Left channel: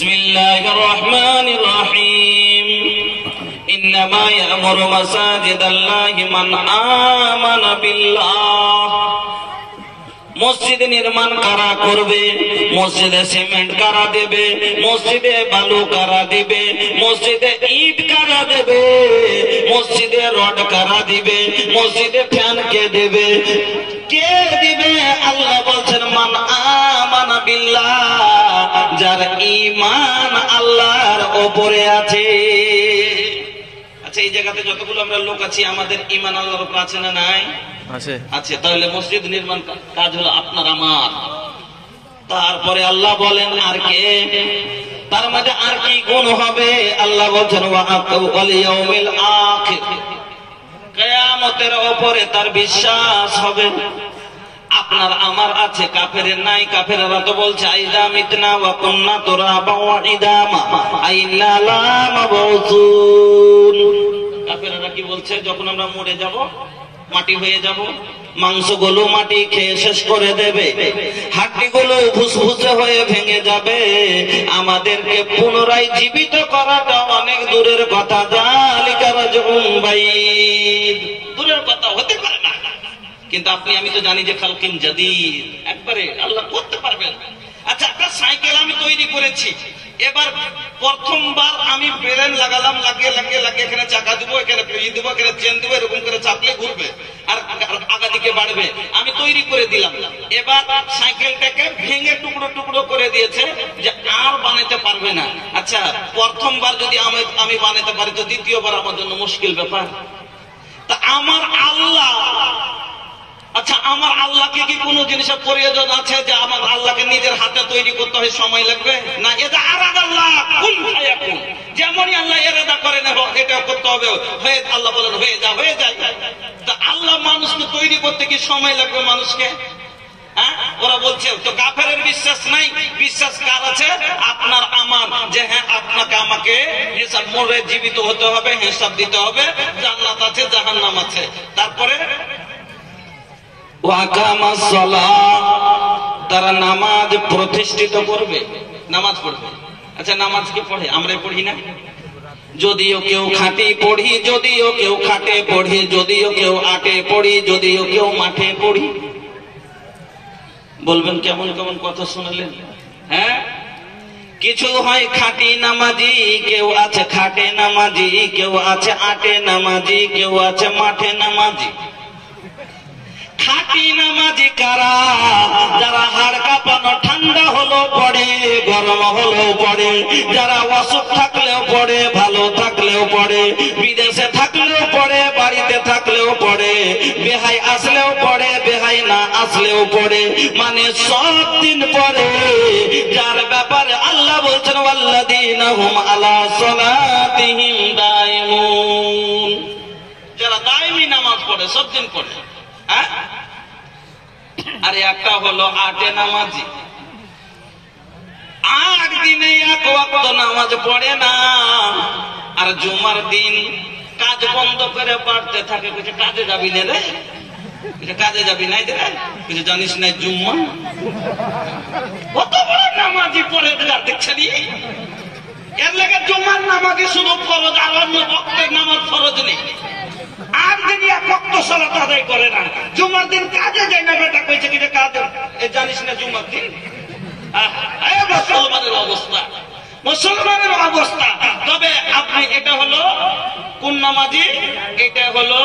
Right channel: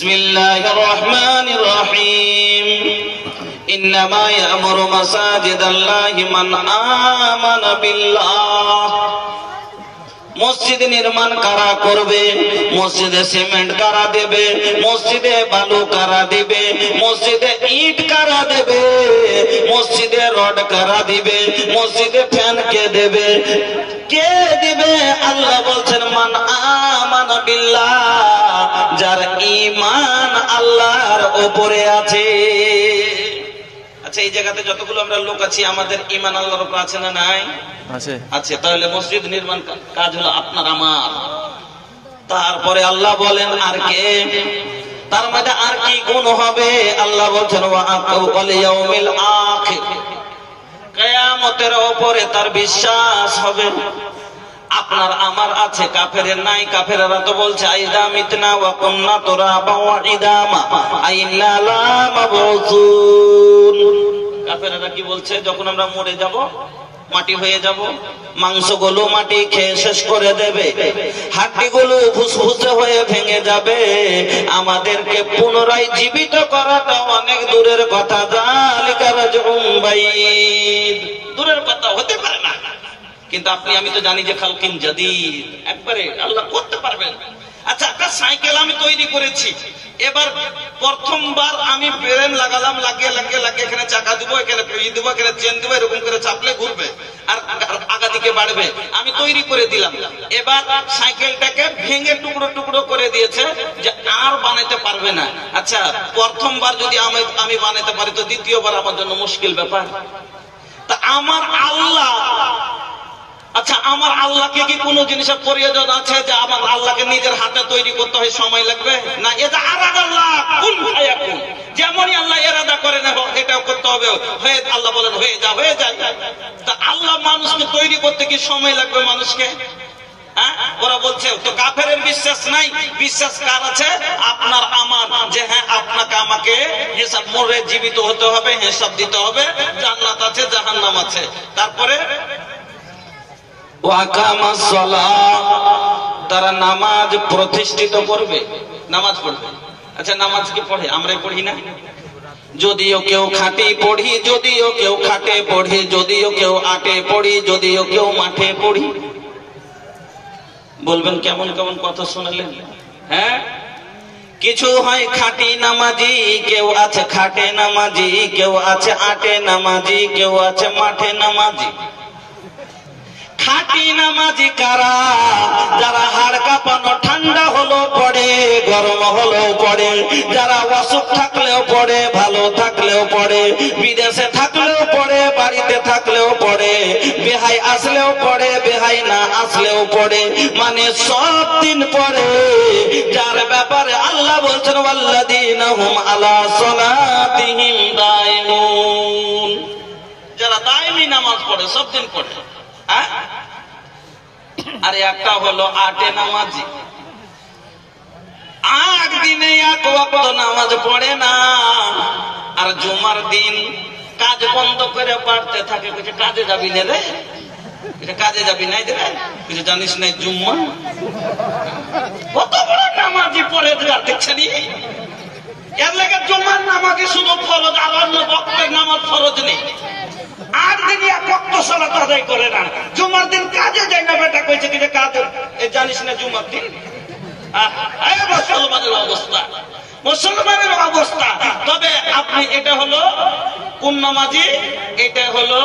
বিসমিল্লাহির রহমানির রহিম ইন্নামা ইয়ামুরু মাসাজিদাল্লাহি মান আমানা বিল্লাহ। মসজিদ নির্মাণ কারা করবে? মসজিদে সিমেন্ট কারা দেবে? মসজিদে বালু কারা দিবে? মসজিদে ইট কারা দেবে? মসজিদে রড কারা দিবে? মসজিদে ফ্যান কে দেবে? কে দিবে? আল্লাহ বলছেন মান আমানা বিল্লাহ, যার ঈমান আল্লাহর উপরে আছে। আচ্ছা, এই জায়গাতে যতগুলো আমরা লোক আছি আমাদের ঈমান আল্লাহর উপর আছে না নাই? আছে। তাহলে মসজিদ নির্মাণ কাজ হলো আপনার আমার। তারপরে আল্লাহ বলেন আর কে? তার মধ্যে আর কি গুণ হবে? আল্লাহ বলছেন ওয়াল ইয়াউমিল আখির, কিয়ামতের উপরে তার বিশ্বাস হবে। আপনার আমার আছে, কাফেরের নাই। কাফেররা তো বলছে আইদা মিতনা ওয়া কুননা তুরাবা ওয়া ইদামা আইন্না লা মাবউসুন। কাফেররা কি বলছে? যখন আমরা মরে যাব, মাটি হয়ে যাব, মাংসগুলো মাটি খেয়ে শেষ করে দেবে, হাড্ডিগুলো ফুসফুসে হয়ে ভেঙে যাবে, আমাদেরকে পুনরায় জীবিত করাটা অনেক দূরের কথা। যালিকা রাজউম বাইদ, দূরের কথা, হতে পারে না। কিন্তু আপনি আমি তো জানি যে খালকিন জাদিদ, একবারে আল্লাহ করতে পারবেন। আচ্ছা, একটা সাইকেল আমি তৈরি করেছি, এবার প্রথমবার আমি ব্রেন লাগালাম, লাগিয়ে লাগিয়ে লাগিয়ে এখানে চাকা দিব, এখানে পেয়ে দিব, এখানে চেন দিব, এরকম করে চাপলে ঘুরবে আর আগা দিকে বাড়বে। আমি তৈরি করে দিলাম। এবার সাইকেলটাকে ভেঙে টুকরো টুকরো করে দিয়েছে যে আর বানাইতে পারবে না। আচ্ছা, প্রথমবার যদি আমি বানাইতে পারি তো দ্বিতীয়বার আমার জন্য মুশকিল ব্যাপার। তা আমার আল্লাহ, আচ্ছা আমার আল্লাহকে কি কোন জিনিসের প্রয়োজন আছে যে আমার আল্লাহকে নিজের হাতে তৈরি করতে হয়, সময় লাগবে না? এটা আরাদাল্লাহ কুন ফায়াকুন, যেমনই আল্লাহ ইরাদা করেন এটাও করতে হবে। হয়ে আল্লাহ বলেন হয়ে যা, হয়ে যায়। তা আল্লাহ মানুষকে তৈরি করতে কি সময় লাগবে মানুষকে? ওরা বলছে তো কাফেরের বিশ্বাস নাই। বিশ্বাস কার আছে? আপনার আমার, যে হ্যাঁ আপনাকে আমাকে হিসাব মরে জীবিত হতে হবে, হিসাব দিতে হবে, জান্নাত আছে জাহান্নাম আছে। তারপরে তারা নামাজ প্রতিষ্ঠিত করবে, নামাজ পড়বে। আচ্ছা, নামাজ কি পড়ে? আমরাই পড়ি না? যদিও কেউ খাটে পড়ি, যদিও কেউ খাটে পড়ি, যদিও কেউ আটে পড়ি, যদিও কেউ মাঠে পড়ি। বলবেন কেমন কেমন কথা শোনালেন? হ্যাঁ, কিছু হয় খাঁটি নামাজি, কেউ আছে খাটে নামাজি, কেউ আছে আটে নামাজি, কেউ আছে মাঠে নামাজি। খাঁটি নামাজি কারা? যারা হাড় কাঁপানো, ঠান্ডা হলেও পড়ে, গরম হলেও পড়ে, যারা অসুখ থাকলেও পড়ে, ভালো থাকলেও পড়ে, বিদেশে থাকলেও পড়ে, বাড়িতে থাকলেও পড়ে, বেহাই আসলেও পড়ে, বেহাই না আসলেও পড়ে, মানে সব দিন পড়ে। যার ব্যাপারে আল্লাহ বলছেন ওয়াল্লাযীনা হুম আলা সালাতিহিম দায়িমুন, যারা দায়মি নামাজ পড়ে, সব দিন পড়ে। আর একটা হলো আটে নামাজি, 8 দিনে 1 ওয়াক্ত নামাজ পড়ে না। আর জুমার দিন কাজ বন্ধ করে পড়তে থাকে। কিছু কাজে যাবি না রে, কিছু কাজে যাবি নাই রে, কিছু জানিস না জুম্মা কত বড় নামাজি পড়ে দেখছেন। এর লেগে জুমার নামাজই শুধু ফরজ, আর অন্য বক্তের নামাজ ফরজ নেই। 8 দিন 1 ওয়াক্ত সালাত আদায় করে না। জুমার দিন কাজে যায় না। বেটা কইছে কি যে কাজ জানিস না জুমার দিন? মুসলমানের অবস্থা, মুসলমানের অবস্থা। তবে আপনি এটা হলো কোন নামাজি? এটা হলো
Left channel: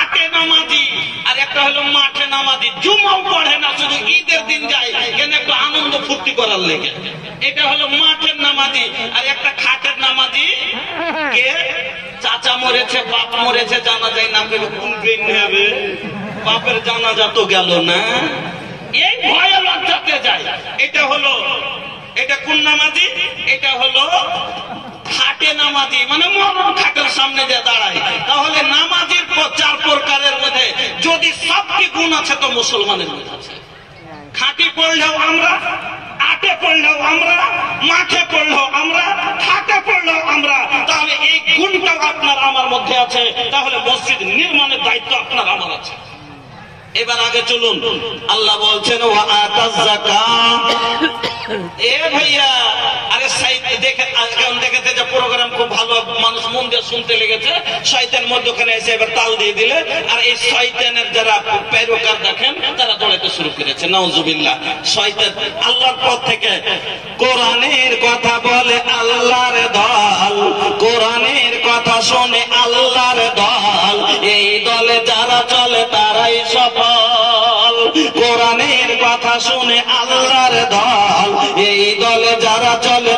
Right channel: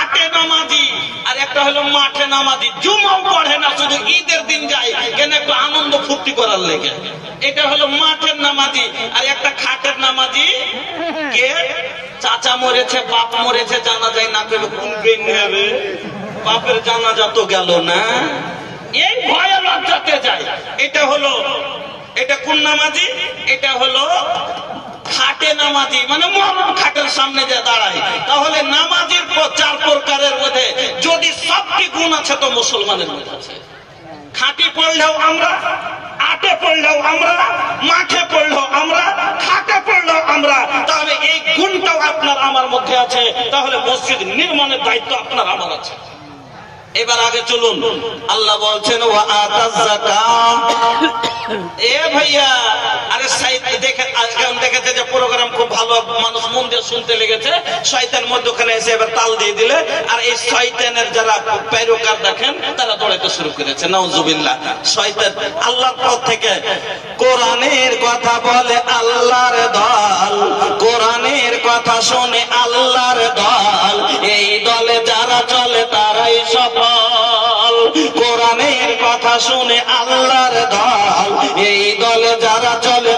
আটে নামাজি। আর একটা হলো মাঠে নামাজি। জুমাও পড়ে না, শুধু ঈদের দিন যায় কেন একটু আনন্দ ফুর্তি করার লেগে। এটা হলো মাঠের নামাজি। আর একটা খাটের নামাজি, কে? চাচা মরেছে, বাপ মরেছে, জানা যায় না পেলে খুলবেন হবে, বাপের জানাজা তো গেল না, এই ভয়ে লজ্জাতে যায়। এটা হলো, এটা কোন নামাজি? এটা হলো খাটে নামাজি, মানে মরণ খাটের সামনে যে দাঁড়ায়। তাহলে নামাজের 4 প্রকারের মধ্যে যদি সবটি গুণ আছে তো মুসলমানের মধ্যে আছে। খাঁটি পড়লেও আমরা, আটে পড়লেও আমরা, মাঠে পড়লেও আমরা, খাটে পড়লেও আমরা। তাহলে এই গুণটাও আপনার আমার মধ্যে আছে। তাহলে মসজিদ নির্মাণের দায়িত্ব আপনার আমার আছে। এবার আগে চলুন। আল্লাহ বলছেন ওয়া আতাজ যাকাত। এ ভাইয়া, আরে শুনতে লেগেছে, শয়তান মধ্যখানে এসে এবার তাল দিয়ে দিলে, আর এই শয়তানের যারা পেরোকার দেখেন তারা দৌড়াতে শুরু করেছে। নাউজুবিল্লাহ। শয়তান আল্লাহর পথ থেকে কোরআনের কথা বলে আল্লাহর দল, কোরআনের কথা শোনে আল্লাহর দল, এই দলে যারা চলে তারাই সফল। কোরআনের কথা শুনে আল্লাহর দল, এই দলে যারা চলে